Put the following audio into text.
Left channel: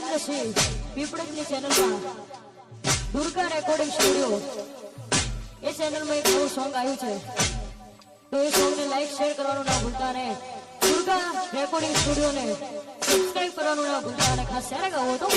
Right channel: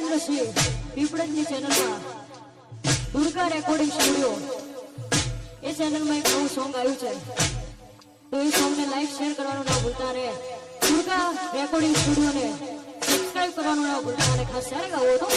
પછી પીપળજની ચેનલમાં Durga recording studio. એ ચેનલમાં એક નવું સોંગ આવ્યું છે. તો એ સોંગને લાઈક, શેર કરવાનું ના ભૂલતા ને દુર્ગા રેકોર્ડિંગ સ્ટુડિયોને સબસ્ક્રાઈબ કરવાનું ના ભૂલતા અને ખાસ ત્યારે ગાવો તો.